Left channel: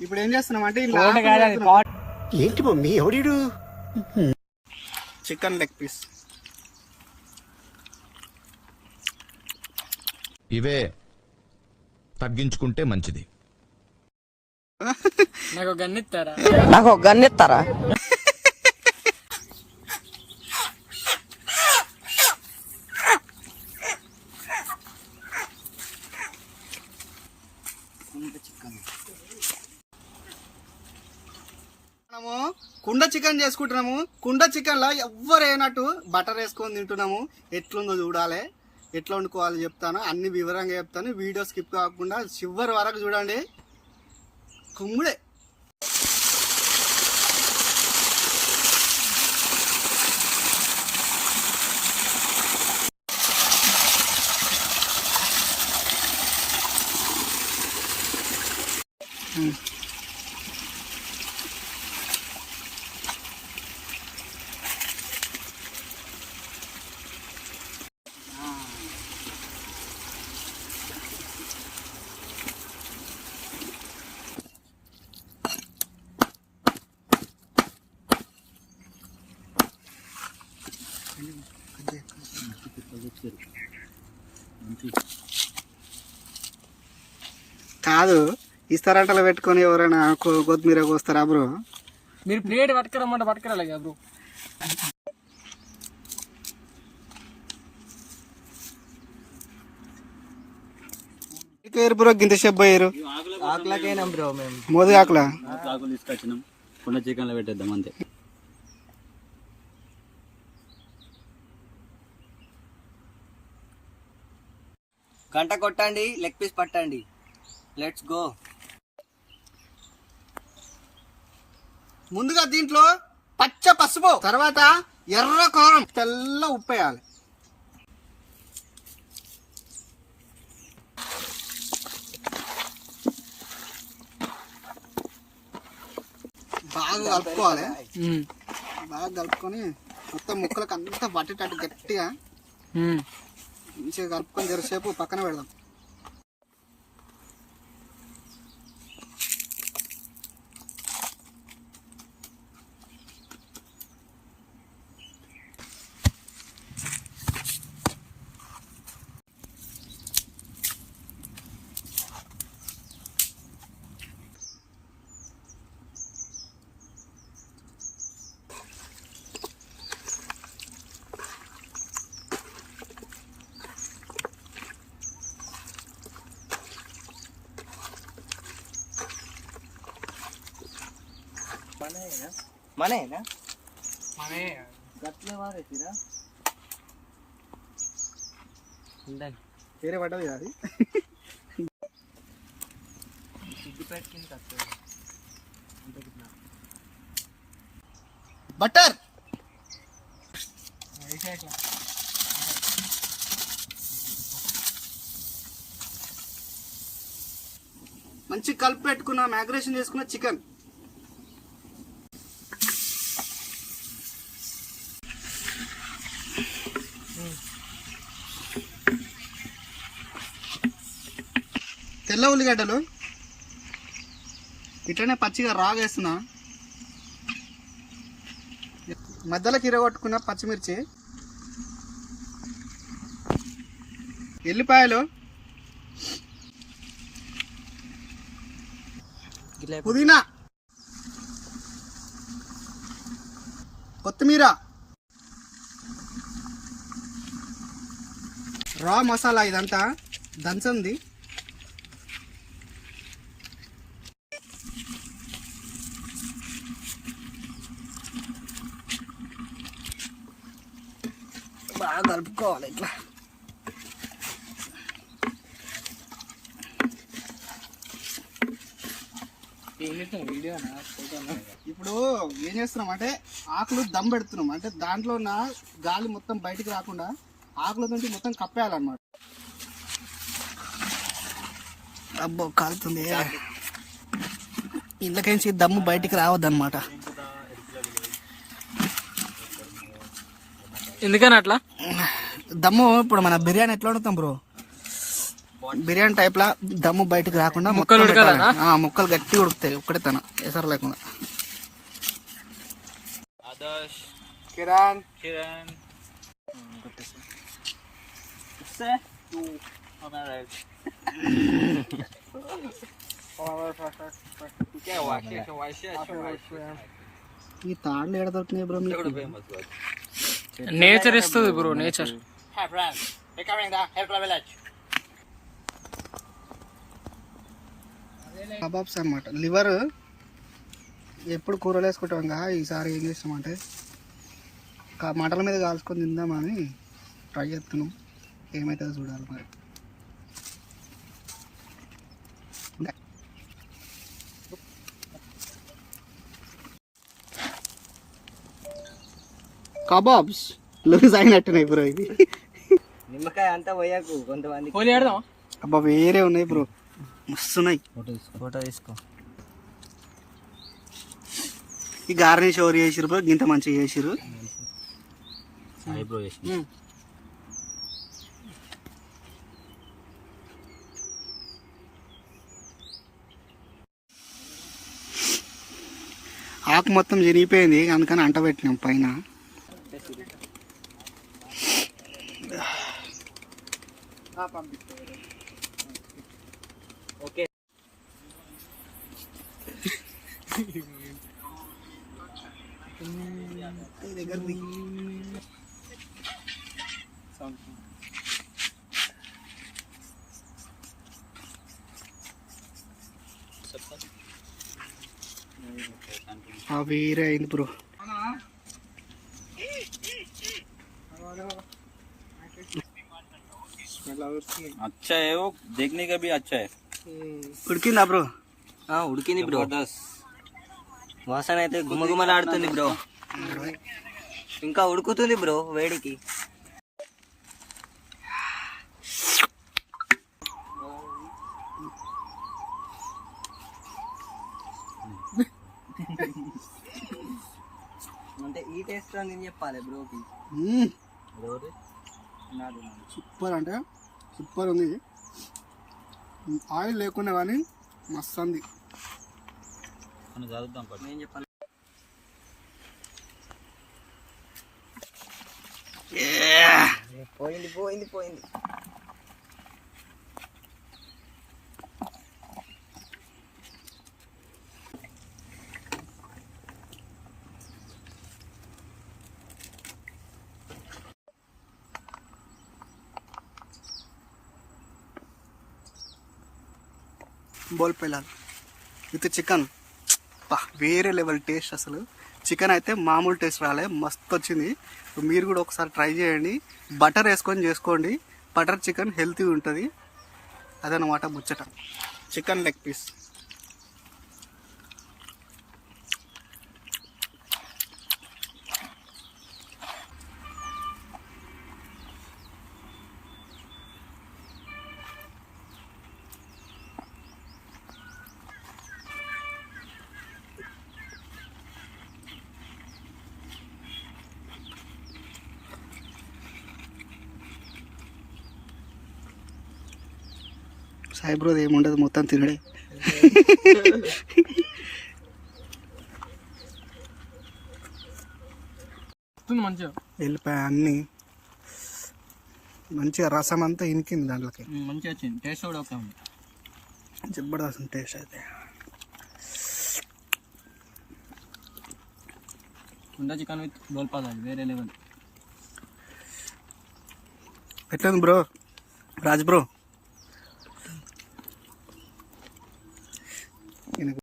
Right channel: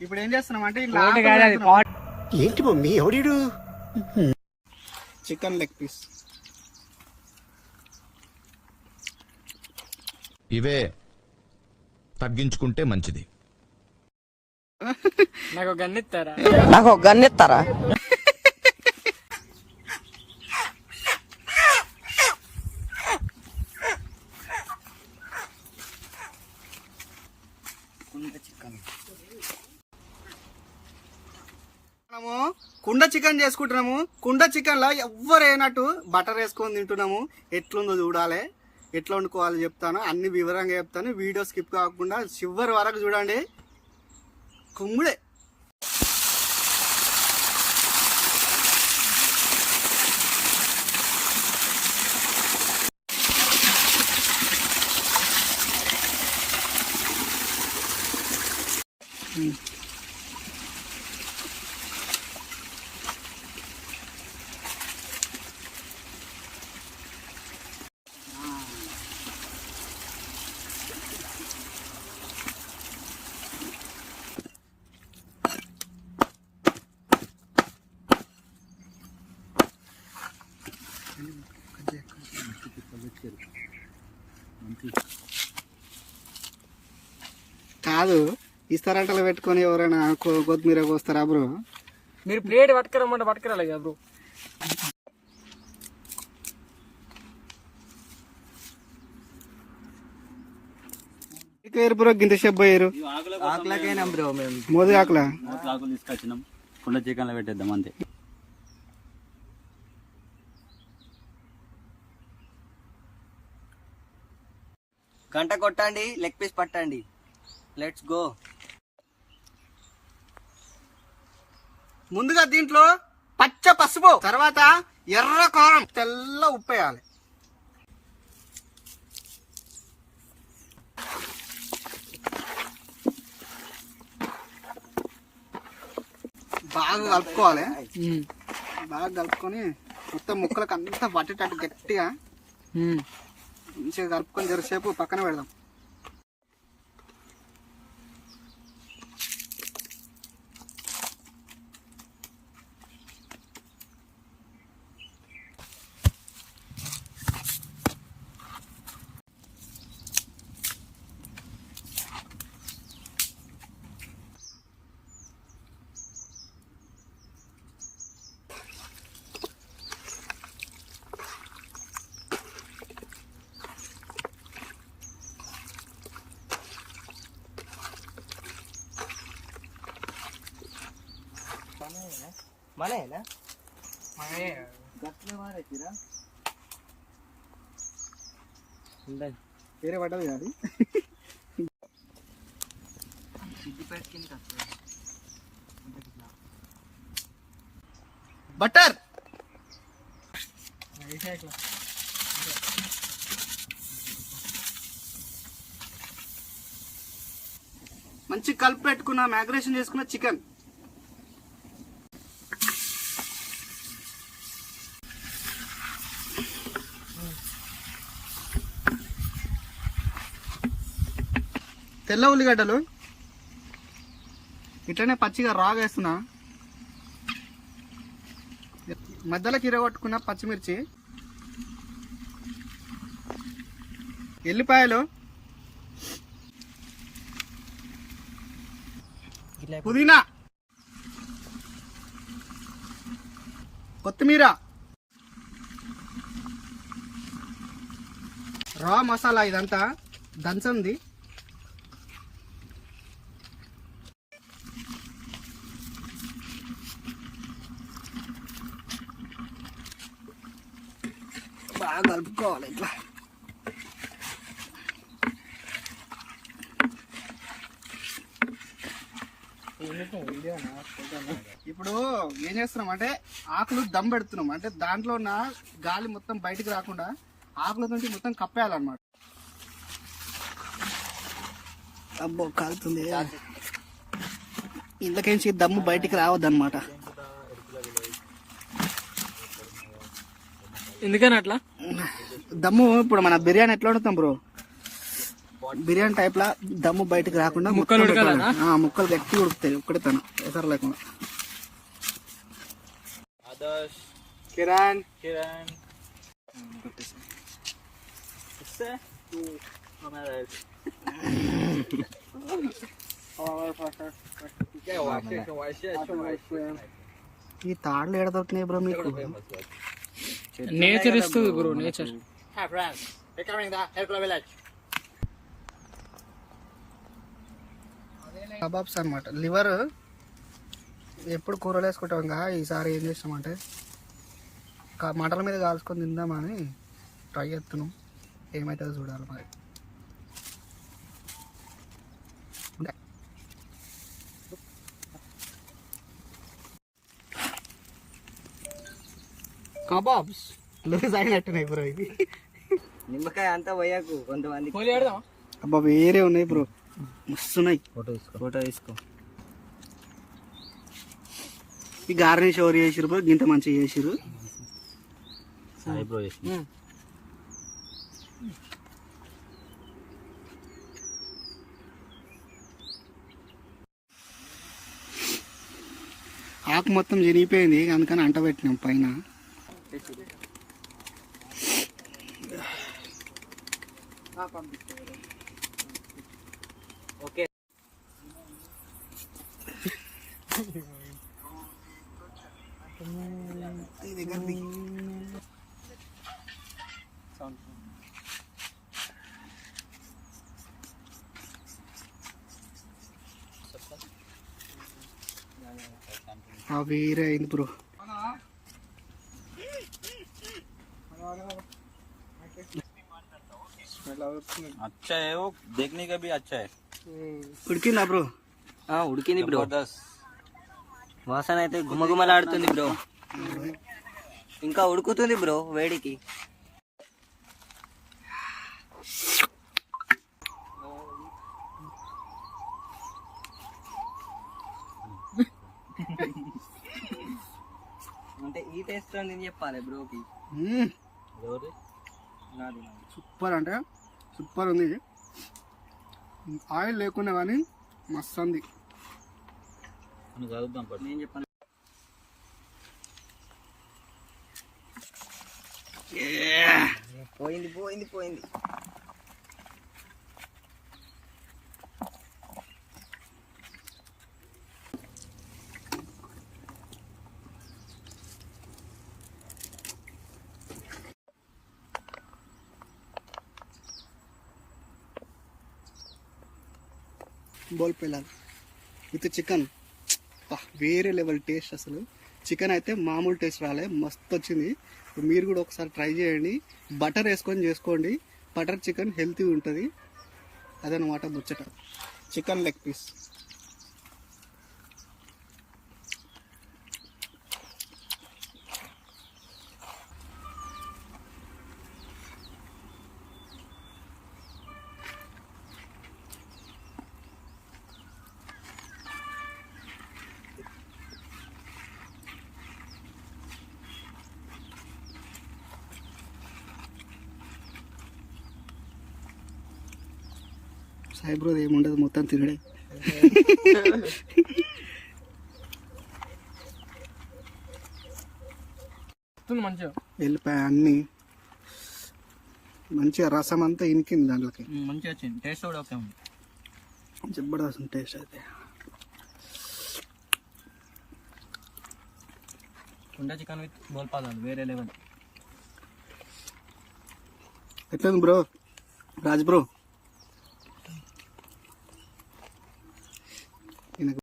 ఇప్పుడు ఏం చేస్తున్నాం అంటే ఇలా ఒకటి కాదు అది పాట్ ఏంటి మమ్మీ? ఎవడీడు? Chicken leg piece. ఇవే తగ్గించుకుంటే మంచిది. నాకు గన్నిస్తారా నాకు ఒక చికెన్ చేసుకుంటున్నాము. కుండ చికెన్లో ఎవ్వరు అయినట్టు బటర్ వేసుకొని తింటున్నాము. ఎట్లుందో చూడాలి. ఎట్లా వండుకోవాలి చెప్తాను. అన్ని వివరంగా చెప్తాను. వీడియో స్కిప్ కాకుండా చివరి వరకు చూడండి. కుమ్ముడే. కాదు. ఇస్తారంటలు పెట్టుకొని ఎవరైనా కొత్తిమీర కోస్తారా బ్రో? మీరు ప్లేట్ పట్టుకురమ్మంటే పట్టుకురాలి కదా బ్రో. బ్రో గింత షెబ్ అయ్యారు? ఆకులకైనా బ్రో మేము. మోది ఆకుల? ఆకులు తీసుకొచ్చినాం. కుండ చికెన్లో పెట్టేద్దాం అంతే. గంట కొట్టండి లెగ్ పీస్ పట్టండి. Let's go. ముందుగా దీంట్లో పచ్చ పసుపు తర్వాత ఎర్ర కారం తెల్ల ఉప్పు వేయాలి. బాగా కలుపుకోవాలి. బాగా కలుపుకొని మొత్తం ముక్కలకు అంతా పట్టేటట్టు గట్టిగా మంచిగా కలుపుకొని జరసేపు పక్కన పెడదాం. మనేనా మనే గట్లే వారేసిరా ఉండండి వేరే పడ్డది బటర్ మంచి కలిపి పెట్టుకున్న మ్యాగ్రేషన్ చేసుకున్న చికెన్ తెల్ల ఉల్లిగడ్డలు. ఇట్లనే పచ్చిగా రాగా వేస్తున్నా మధ్యలో కిరగొట్టుకున్న పచ్చిమిర్చి. ఎల్లిపాయలు. పుదీనా. కొత్తిమీర. రా మసాలా ఇదంతా. దంచంది. బాగా కలుపుకోవాలి ఇట్లా ఇప్పుడు ఏం చేస్తున్నాం అంటే ఆకులు దమ్ పెడుతున్నాం. అంటే దాంట్లో ఉన్న గాలి మొత్తం బయటికి రాకుండా ఆకుల నుంచి మొత్తం కప్పేయాలన్నమాట. అబ్బో కాలుతుంది. ఇందులోకించి దమ్ము బయటికి రావద్దన్నమాట. ఎందుకని అట్లా? దమ్ము ఇప్పుడు మన బిర్యానీ ఎట్లా వండుతాం బ్రో? బిర్యానీ టైప్ లా దమ్ము బయటకు రాకుండా ముక్కలు ఉడకాలనా? ముక్కలు గట్టి ఉడుకుతాయి ఒక్కటే తన ఎసరు లేకుండా. కిరణ్. ఈ తాళ్ళు ఎడ దొరికినాయి బ్రో మీకు? నేచర్. ఇస్తుంది బ్రో నేచర్ కబాబ్స్ అన్నమాట. లివర్ ఎప్పుడు కూరలు వేసుకుంటాం కదా ఈసారి ఏం చేస్తామంటే మంటల మీద కాల్చుకొని తిందామని ట్రై చేస్తున్నాం. ఏమవుతుందో చూడాలి మరి. కబాబ్స్. లూజ్ అయినట్టున్నాయి బ్రో ఇవి. నిమ్మకాయ అంతా పోయాకు కొంతమంది. అబ్బా వేరే ఉన్నాయి బ్రో. మస్తున్నాయి. ఫోటో తీసుకో. ఫోటో తీసుకో. ఈ గార్నిష్ ఎవరు చేసిరు బ్రో? గింత మంచిగా చేసిరు సాయి బ్రో చేసింది ఆకు మొత్తం జరిగిపోయింది అందుకని అంట పెట్టినాం పైన. ఓకే ఆ వేరే అయింది బ్రో अच्छा है वो देखने का भी अच्छा है ఉడికిందా బ్రో ఆ, ఉడికింది బ్రో जबरदस्त వాసన అయితే గుమగుమలాడుతుంది బ్రో ఇంకా ఉడుకుతుంది బ్రో వేడికి అంటే ఈ టేస్ట్ నేను చెప్పాలి బ్రోకి ఎవరు నాది నాది సూపర్ అంటే సూపర్ ఉంది. ఆయిల్ లేకుండా కానీ మస్తు ఉంది పోయింది పోయింది పోయింది. బోల్ పెళ్ళాలి. With chicken. వేరే లెవెల్ టేస్ట్ అసలు. చికెన్ అయితే మామూలు టేస్ట్ రాలే మస్తు వచ్చింది. మీరు కూడా ఒకసారి ట్రై చేయండి. బటర్ వేసుకొని చేసుకోండి. బటర్ చికెన్ హెల్తీ ఉంటుంది. అదనమాట ముచ్చట. Chicken leg piece. సాయిబ్రోది ఏముండదు మొత్తం తినడే. మంచిగా. వెళ్ళిపోయి అన్నీ. మంచిగా రసం అంతా ఇనికింది దాంట్లోకి. మంచిగా వచ్చింది. టేస్ట్ కూడా ఓకే ఉంది. జబర్దస్త్ టేస్ట్ అయితే. కుండ చికెన్ విత్ బోల్పాదాలు వేరే లెవెల్. ఎట్లుంది బ్రో? రాజ్ బ్రో?